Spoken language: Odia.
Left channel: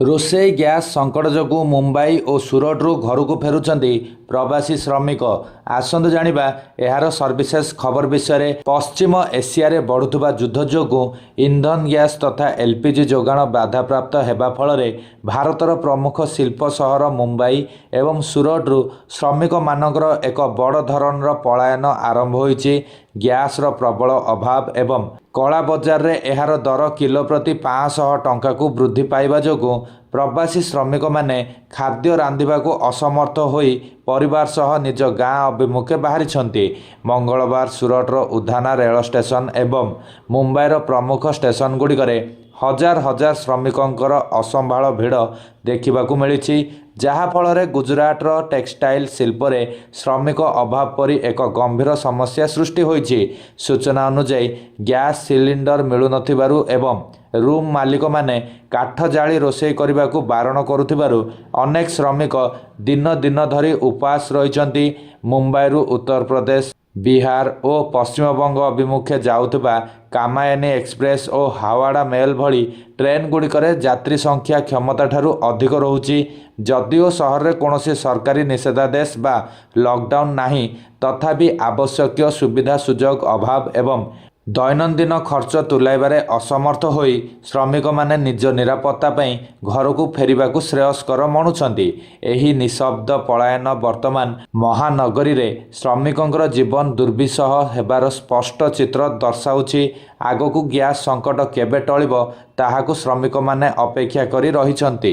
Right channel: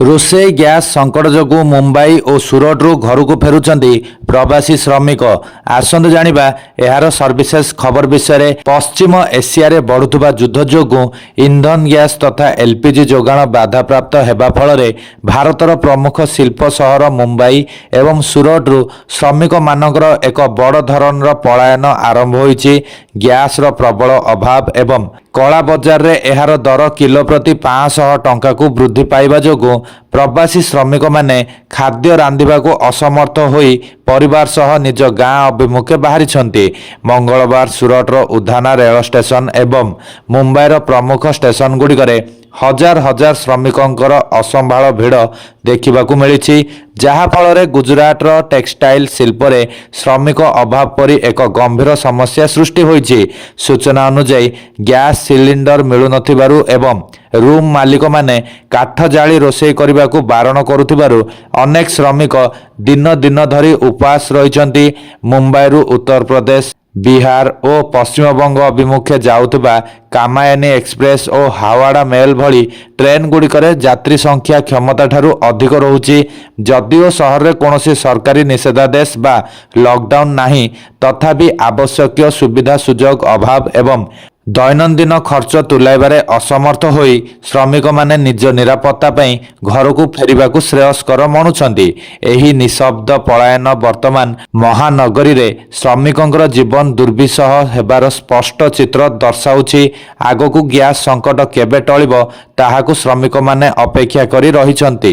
ରୋଷେଇ ଗ୍ୟାସ୍ ସଙ୍କଟ ଯୋଗୁଁ ମୁମ୍ବାଇ ଓ ସୁରଟରୁ ଘରକୁ ଫେରୁଛନ୍ତି ପ୍ରବାସୀ ଶ୍ରମିକ। ଆସନ୍ତୁ ଜାଣିବା ଏହାର ସର୍ଭିସେସ୍ ଖବର ବିଷୟରେ। ପଶ୍ଚିମ ଏସିଆରେ ବଢୁଥିବା ଯୁଦ୍ଧ ଯୋଗୁଁ ଇନ୍ଧନ ଗ୍ୟାସ୍ ତଥା ଏଲ୍ପିଜି ଯୋଗାଣ ବାଧାପ୍ରାପ୍ତ ହେବା ଫଳରେ ଭାରତର ପ୍ରମୁଖ ଶିଳ୍ପ ସହର ମୁମ୍ବାଇ ଏବଂ ସୁରଟରୁ ଶ୍ରମିକମାନଙ୍କର ଏକ ବଡ଼ ଧରଣର ପଳାୟନ ଆରମ୍ଭ ହୋଇଛି। ଗ୍ୟାସ୍ର ପ୍ରବଳ ଅଭାବ ଏବଂ କଳା ବଜାରରେ ଏହାର ଦର କିଲୋ ପ୍ରତି 500 ଟଙ୍କାକୁ ବୃଦ୍ଧି ପାଇବା ଯୋଗୁଁ ପ୍ରବାସୀ ଶ୍ରମିକମାନେ ଖାଦ୍ୟ ରାନ୍ଧିବାକୁ ଅସମର୍ଥ ହୋଇ ପରିବାର ସହ ନିଜ ଗାଁ ଅଭିମୁଖେ ବାହାରିଛନ୍ତି। ମଙ୍ଗଳବାର ସୁରଟର ଉଧାନା ରେଳ ଷ୍ଟେସନ ଏବଂ ମୁମ୍ବାଇର ପ୍ରମୁଖ ଷ୍ଟେସନଗୁଡ଼ିକରେ ହଜାର ହଜାର ଶ୍ରମିକଙ୍କର ଅସମ୍ଭାଳ ଭିଡ଼ ଦେଖିବାକୁ ମିଳିଛି, ଯାହାଫଳରେ ଗୁଜରାଟର ଟେକ୍ସଟାଇଲ ଶିଳ୍ପରେ ଶ୍ରମିକ ଅଭାବ ପରି ଏକ ଗମ୍ଭୀର ସମସ୍ୟା ସୃଷ୍ଟି ହୋଇଛି। ସୂଚନା ଅନୁଯାୟୀ ଗ୍ୟାସ୍ ସିଲିଣ୍ଡର ମିଳୁନଥିବାରୁ ଏବଂ ରୁମ୍ ମାଲିକମାନେ କାଠ ଜାଳି ରୋଷେଇ କରିବାକୁ ବାରଣ କରୁଥିବାରୁ ଅନେକ ଶ୍ରମିକ ଦିନ ଦିନ ଧରି ଉପାସ ରହିଛନ୍ତି। ମୁମ୍ବାଇରୁ ଉତ୍ତରପ୍ରଦେଶ, ବିହାର ଓ ପଶ୍ଚିମବଙ୍ଗ ଅଭିମୁଖେ ଯାଉଥିବା କାମାୟନୀ ଏକ୍ସପ୍ରେସ୍ ଓ ହାୱାଡା ମେଲ୍ ଭଳି ଟ୍ରେନ୍ଗୁଡ଼ିକରେ ଯାତ୍ରୀ ସଂଖ୍ୟା କ୍ଷମତାଠାରୁ ଅଧିକ ରହୁଛି। ଯଦିଓ ସହରରେ କୌଣସି ସରକାରୀ ନିଷେଧାଦେଶ ବା ଲକଡାଉନ୍ ନାହିଁ, ତଥାପି ଆବଶ୍ୟକୀୟ ସୁବିଧା ସୁଯୋଗ ଅଭାବ ଏବଂ ଦୈନନ୍ଦିନ ଖର୍ଚ୍ଚ ତୁଲାଇବାରେ ଅସମର୍ଥ ହୋଇ ଶ୍ରମିକମାନେ ନିଜ ନିରାପତ୍ତା ପାଇଁ ଘରକୁ ଫେରିବାକୁ ଶ୍ରେୟସ୍କର ମଣୁଛନ୍ତି। ଏହି ନିଃଶବ୍ଦ ପଳାୟନ ବର୍ତ୍ତମାନ ମହାନଗରୀରେ ଶ୍ରମିକଙ୍କର ଜୀବନ ଦୁର୍ବିସହ ହେବାର ସ୍ପଷ୍ଟ ଚିତ୍ର ଦର୍ଶାଉଛି। ଆଗକୁ ଗ୍ୟାସ୍ ସଙ୍କଟ କେବେ ଟଳିବ ତାହାକୁ ଶ୍ରମିକମାନେ ଅପେକ୍ଷା କରି ରହିଛନ୍ତି।